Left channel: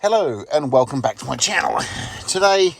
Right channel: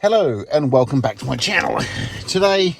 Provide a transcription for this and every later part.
Hello and welcome back to my channel. Today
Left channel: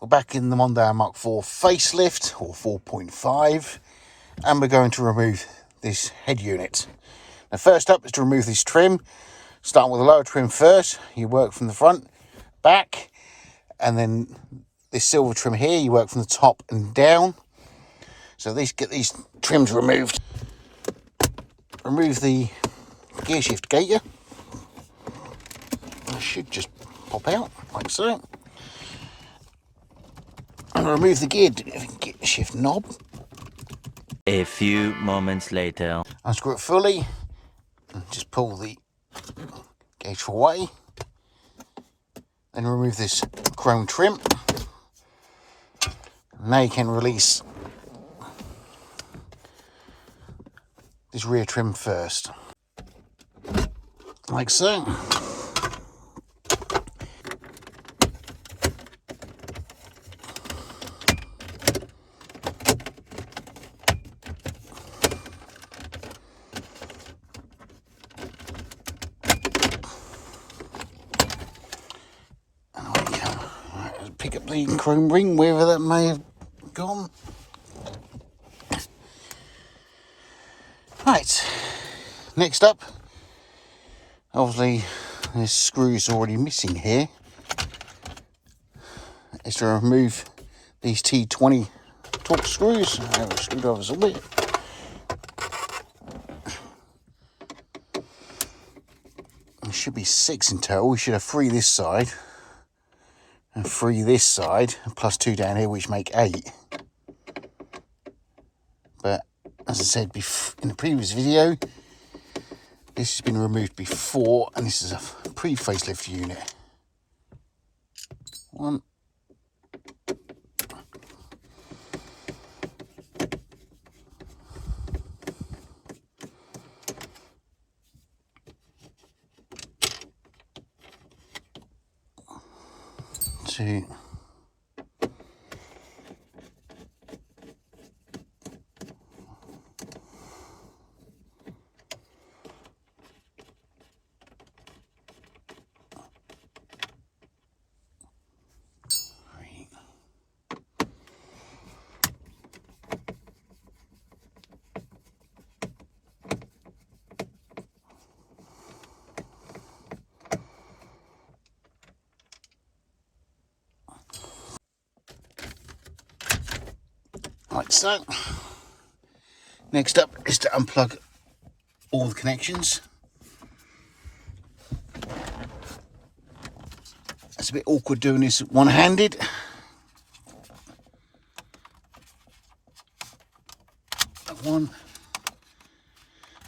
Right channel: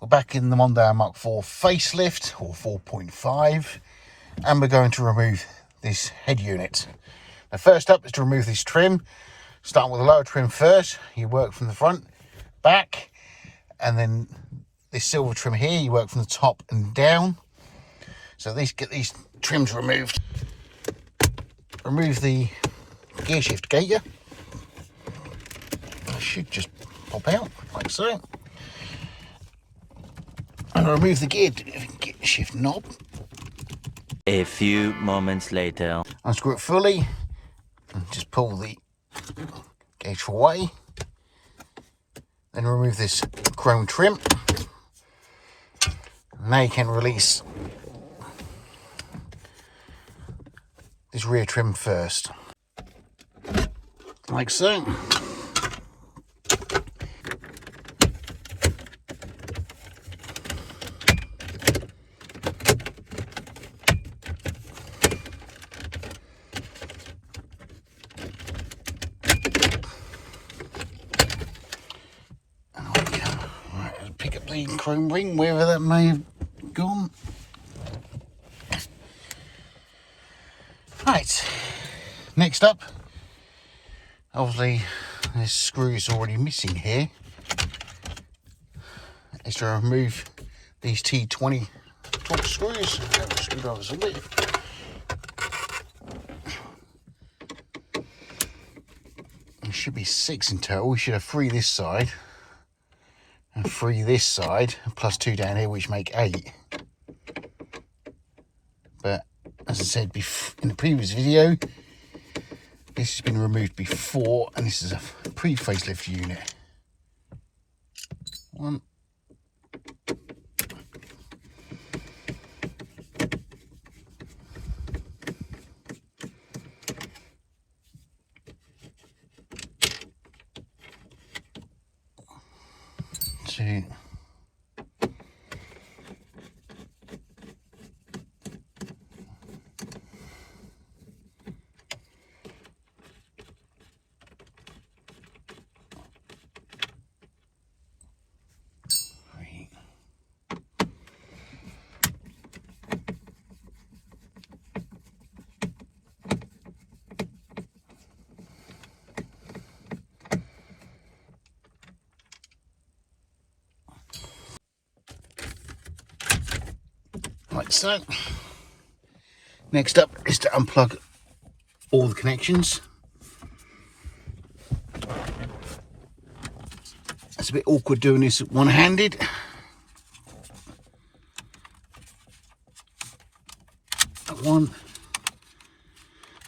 we're back in the Mondeo mk4 facelift or 4.5 and we're going to remove this head unit. Now first up is to remove this trim. Starting with the lower trim first, you work from the front, back, and then this silver trim here, you work from the top and down. So get these trims removed. Remove the gear shift gaiter. It should just pop out like so. And remove the gear shift knob. A few moments later. Unscrew it fully and just pull the gauge away. Then remove this chrome trim. Now you can release this rear trim first, like so. Pick up the chrome ring, wherever that may have gone. Right, next up, obviously this screw is already missing here, is to remove these T20 top screws. Screwdrivers a bit. There should be 6 in total. We should have 3 this side and 3 this side, plus 2 down here, which make 8. But as I said in the previous video, this has been removed before, and this is a pre-facelift unit. 1. 2. 3. Like so. Next up is to unplug all the connections. It's a bit awkward doing this one-handed. One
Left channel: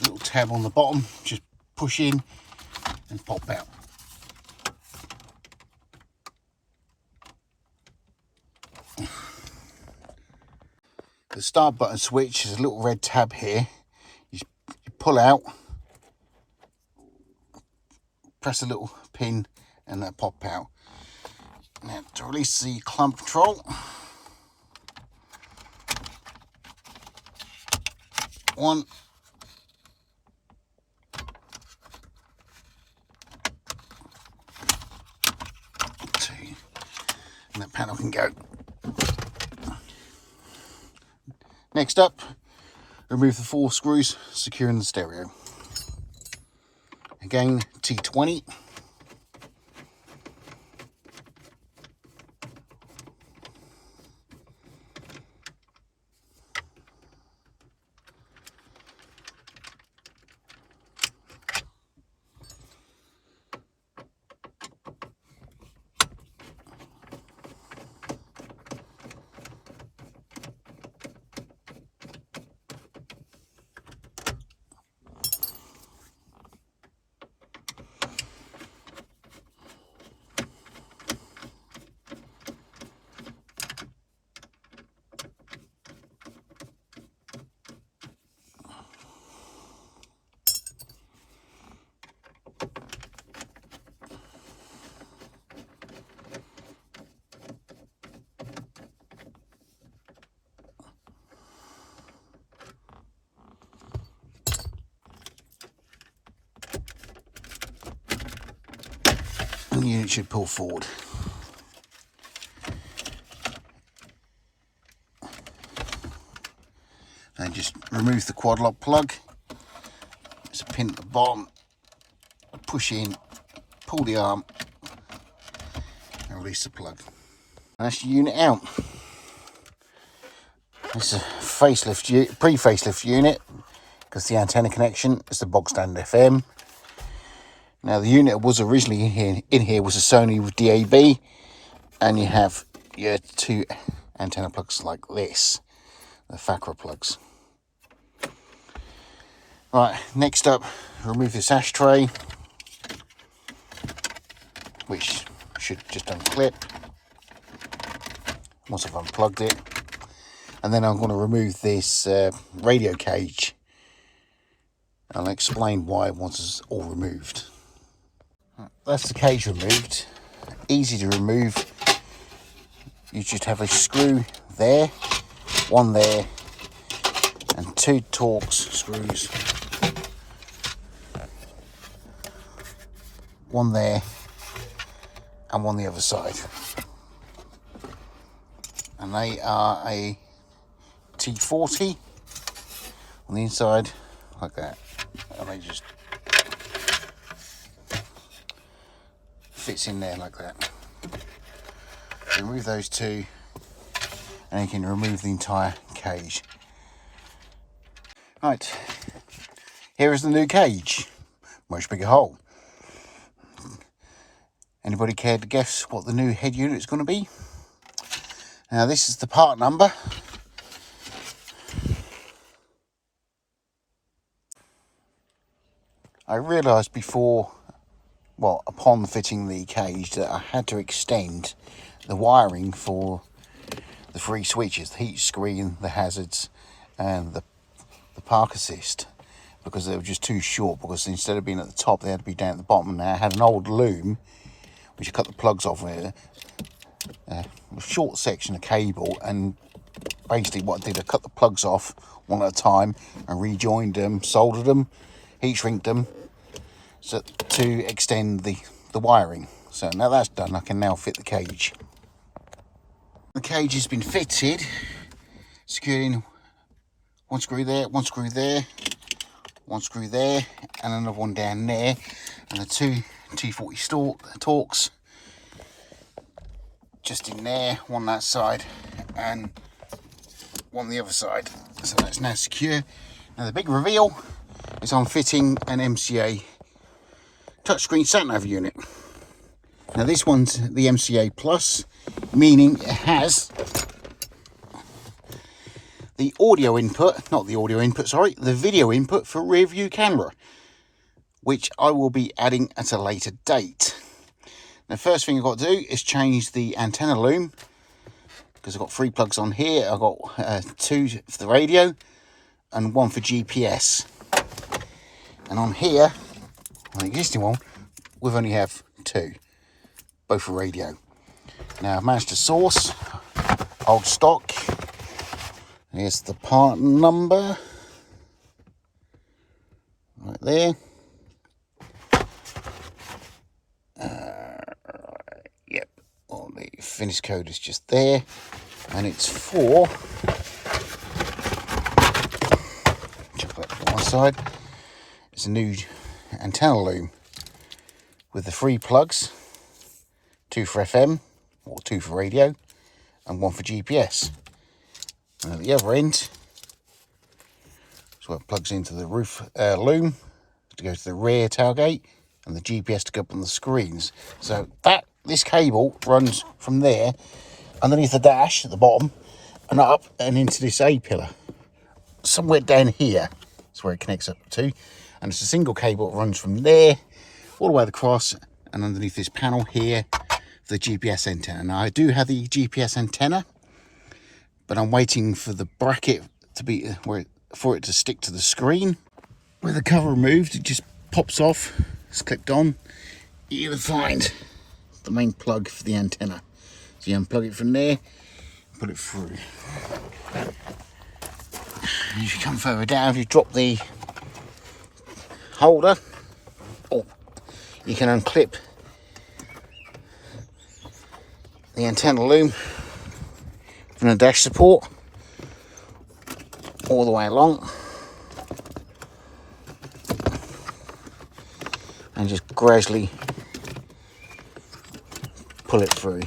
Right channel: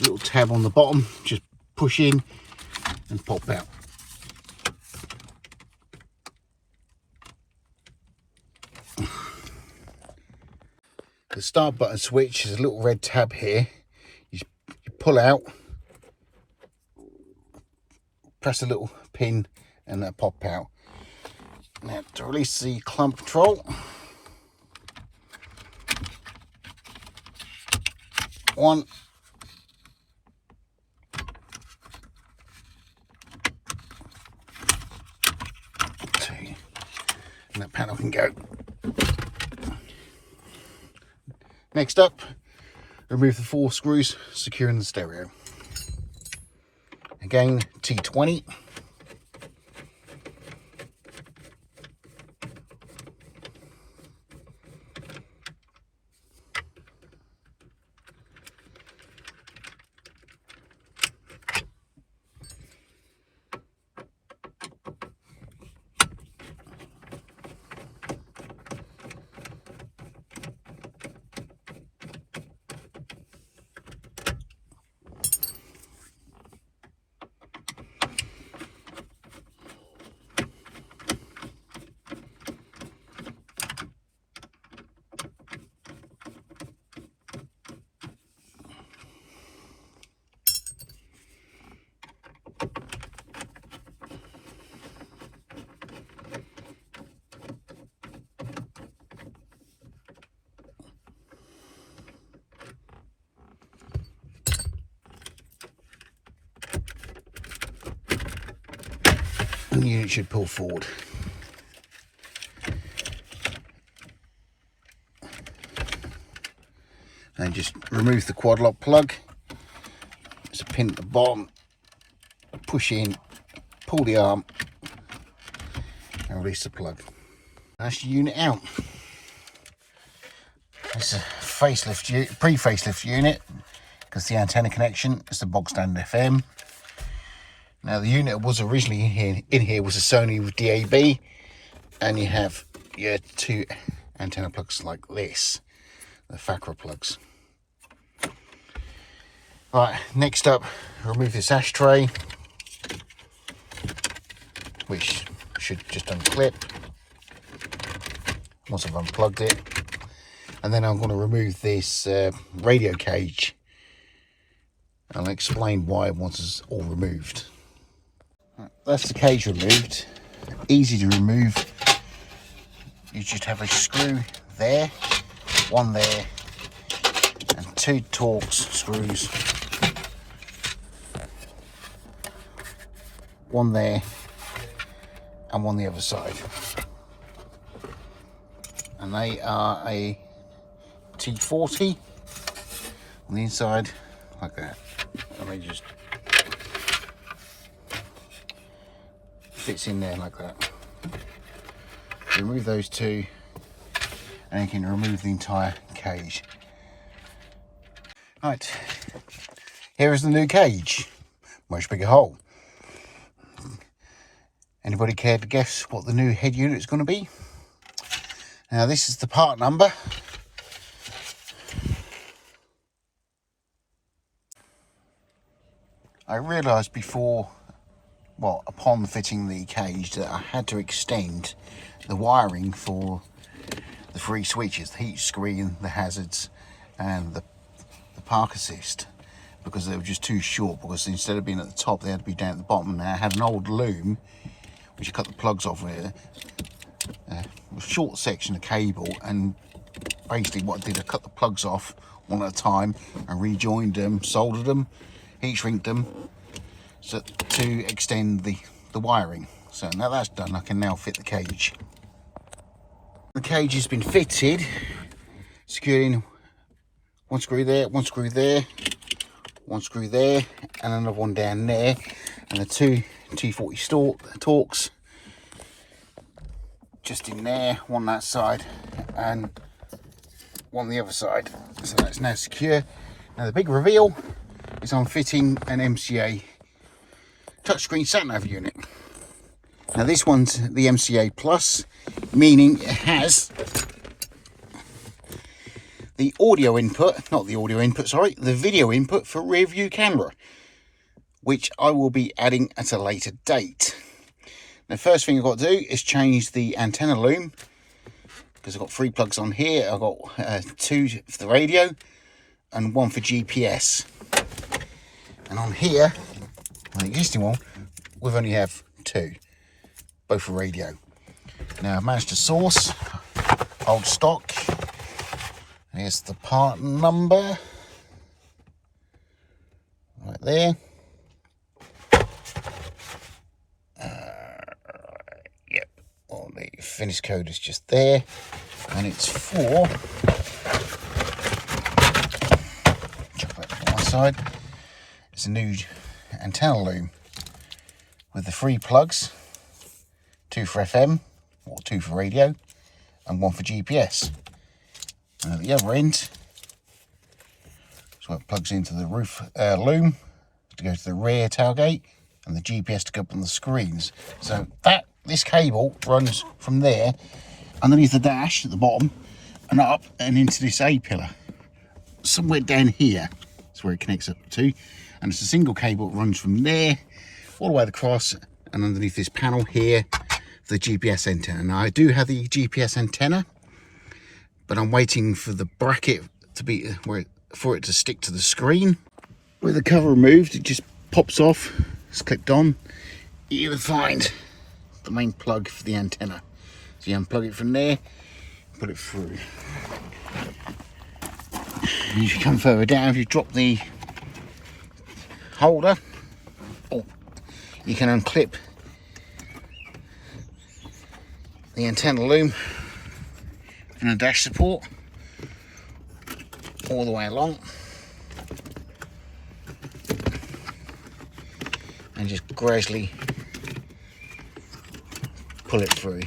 little tab on the bottom, just push in and pop out. The start button switch is a little red tab here. You pull out, press a little pin, and that'll pop out. Now to release the clamp control, 1, 2, and that panel can go. Next up, remove the 4 screws securing the stereo. Again, T20. and the unit should pull forward. And just remove the quad lock plug. There's a pin at the bottom. Push in, pull the arm, and release the plug. That's the unit out. It's a facelift, pre-facelift unit, because the antenna connection is the bog standard FM. Now the unit was originally in here was a Sony with DAB, and you have your two antenna plugs like this, the Facelift plugs. Right, next up, remove this ashtray, which should just unclip once I've unplugged it. And then I'm going to remove this radio cage. I'll explain why once it's all removed. That's the cage removed. Easy to remove. You just have a screw there, one there, and two Torx screws. One there and one the other side. And they are a T40 on the inside, like that. And they just fits in there like that. Remove those two, and you can remove the entire cage. Right, here is the new cage. Much bigger hole. Anybody care to guess what the new head unit is going to be? Now this is the part number. I realised before, well, upon fitting the cage, that I had to extend the wiring for the three switches, the heat screen, the hazards, and the park assist, because they were just too short, because instead of being at the top, they had to be down at the bottom. Now I had an old loom, which I cut the plugs off with a short section of cable, and basically what I did, I cut the plugs off one at a time and rejoined them, soldered them, heat shrinked them, so to extend the wiring. So now that's done, I can now fit the cage. The cage has been fitted, secured in one screw there, one screw there, one screw there, and another one down there, and the two T40 Torx just in there, one that side and one the other side. So that's now secure. Now the big reveal is I'm fitting an MCA touchscreen sat nav unit. Now this one's the MCA Plus, meaning it has the audio input, not the audio input, sorry, the video input for rear view camera, which I will be adding at a later date. The first thing I've got to do is change the antenna loom, because I've got 3 plugs on here. I've got 2 for the radio and 1 for GPS. And on here, on the existing one, we've only have 2, both for radio. Now I've managed to source old stock. Here's the part number, right there. Yep, well, the finish code is just there, and it's for, chuck that to one side, it's a new antenna loom with the 3 plugs, 2 for FM, or 2 for radio, and 1 for GPS. And at the other end, so it plugs into the roof loom to go to the rear tailgate, and the GPS to go up on the screens. So this cable runs from there, underneath the dash at the bottom, and up and into this A-pillar. Somewhere down here is where it connects up to, and it's a single cable that runs from there all the way across and underneath this panel here for the GPS antenna. Now I do have the GPS antenna, but I'm waiting for the bracket to be for it to stick to the screen. With the cover removed, it just pops off. It's clipped on. You'll find the main plug for the antenna. So you unplug it from there, put it through. And as you come further down, if you drop the holder, or you can unclip the antenna loom from the dash support all the way along, and just gradually pull it through.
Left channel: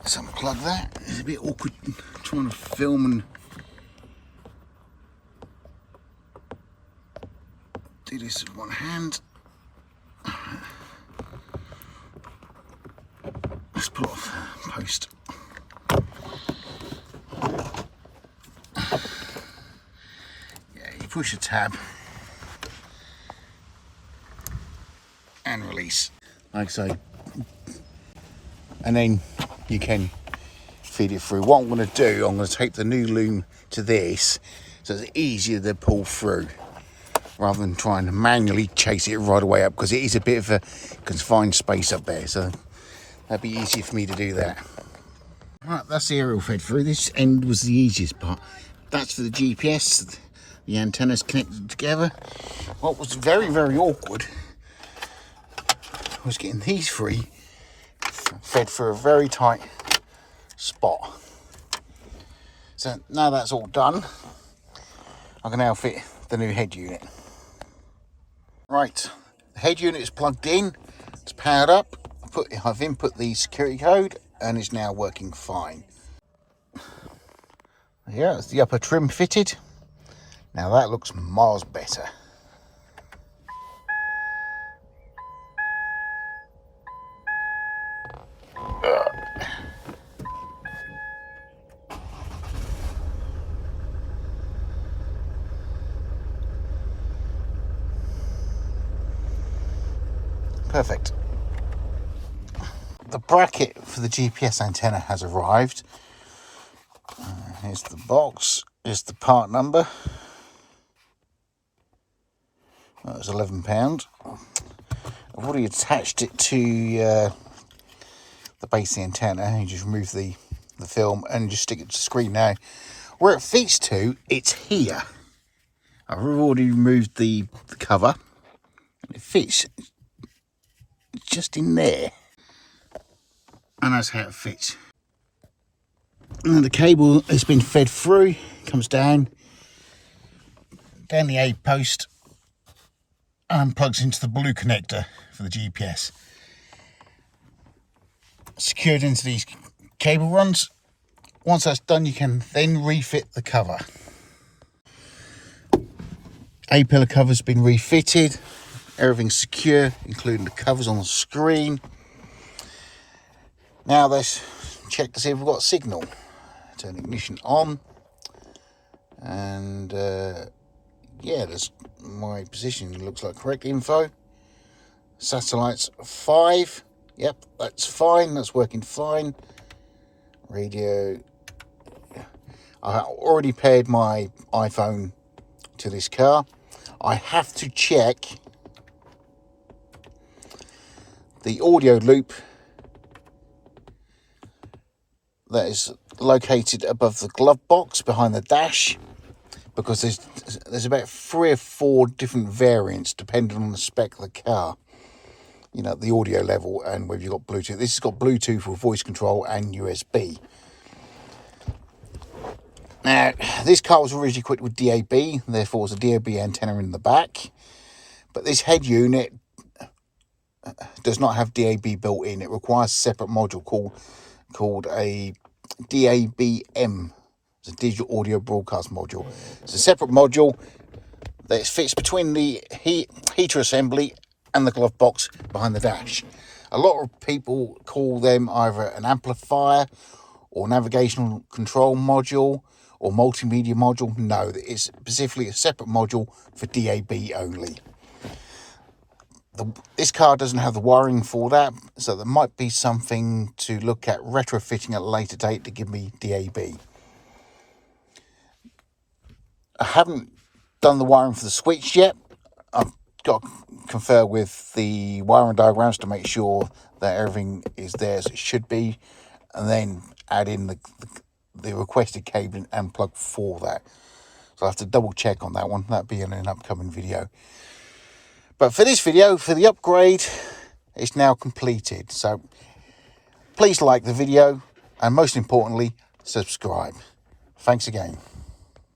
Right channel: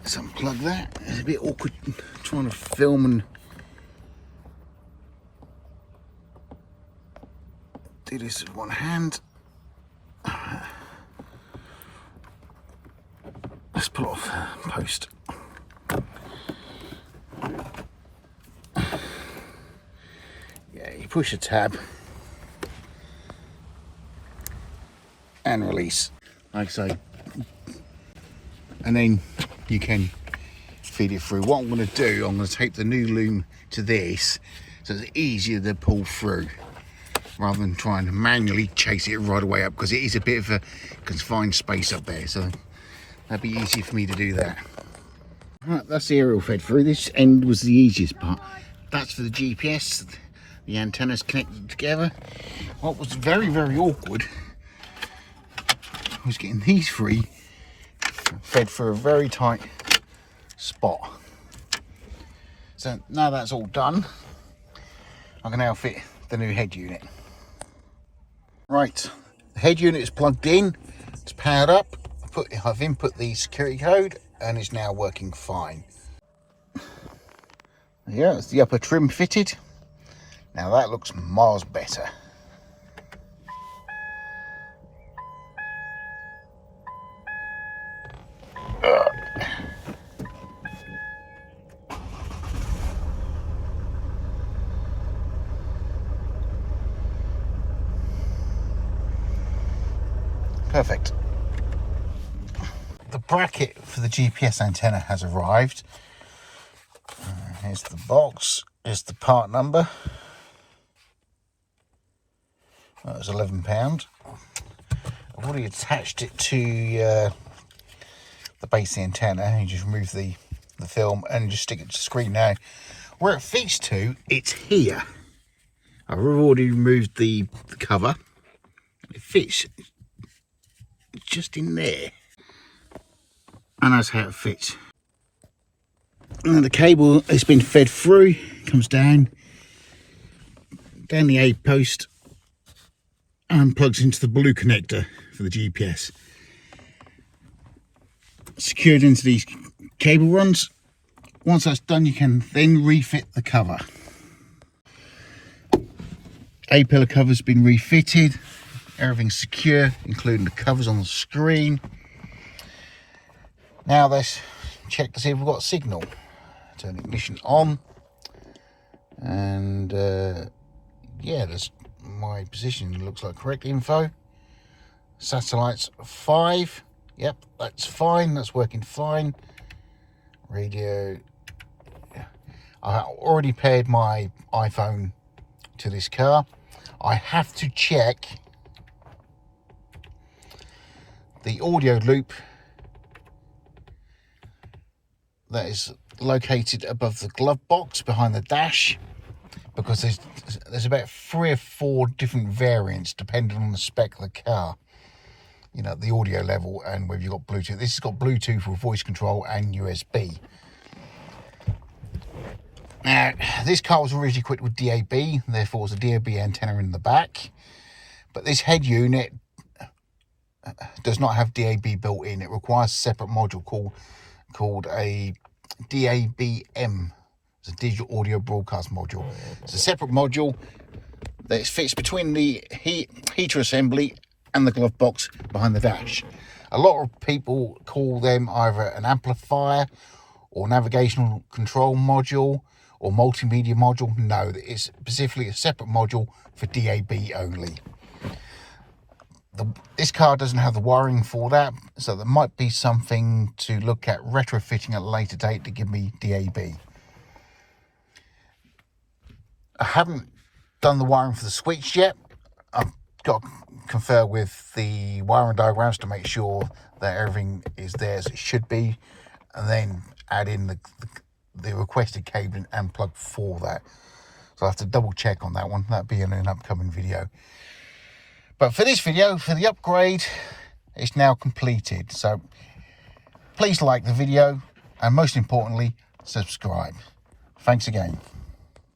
Let's unplug that. It's a bit awkward trying to film and do this with one hand. Let's pull off post. Yeah, you push the tab and release, like so, and then you can feed it through. What I'm going to do, I'm going to tape the new loom to this so it's easier to pull through rather than trying to manually chase it right away up, because it is a bit of a confined space up there, so that'd be easier for me to do that. Right, that's the aerial fed through. This end was the easiest part. That's for the GPS. The antennas connected together. What was very, very awkward was getting these three fed through a very tight spot. So now that's all done, I can now fit the new head unit. Right, the head unit is plugged in, it's powered up. I've input the security code and it's now working fine. Yeah, it's the upper trim fitted. Now that looks miles better. Perfect. The bracket for the GPS antenna has arrived. Here's the box, here's the part number. That was £11. I've already attached it to the base of the antenna. You just remove the film and just stick it to the screen. Now, where it fits to, it's here. I've already removed the cover. It fits just in there. And that's how it fits. And the cable has been fed through, comes down the A post and plugs into the blue connector for the GPS. Secured into these cable runs. Once that's done, you can then refit the cover. A-pillar cover's been refitted. Everything's secure, including the covers on the screen. Now let's check to see if we've got a signal. Turn ignition on. And yeah, that's my position. It looks like correct info. Satellites 5. Yep, that's fine. That's working fine. Radio. I already paired my iPhone to this car. I have to check the audio loop that is located above the glove box behind the dash, because there's about 3 or 4 different variants depending on the spec of the car, you know, the audio level and whether you've got Bluetooth. This has got Bluetooth for voice control and USB. Now, this car was originally equipped with DAB, therefore there's a DAB antenna in the back, but this head unit does not have DAB built in. It requires a separate module called a DABM. It's a digital audio broadcast module. It's a separate module that fits between the heater assembly and the glove box behind the dash. A lot of people call them either an amplifier or navigational control module or multimedia module. No, it's specifically a separate module for DAB only. This car doesn't have the wiring for that, so there might be something to look at retrofitting at a later date to give me DAB. I haven't done the wiring for the switch yet. I've got to confer with the wiring diagrams to make sure that everything is there as it should be, and then add in the requested cabling and plug for that. So I have to double check on that one. That'll be in an upcoming video. But for this video, for the upgrade, it's now completed. So please like the video and most importantly, subscribe. Thanks again.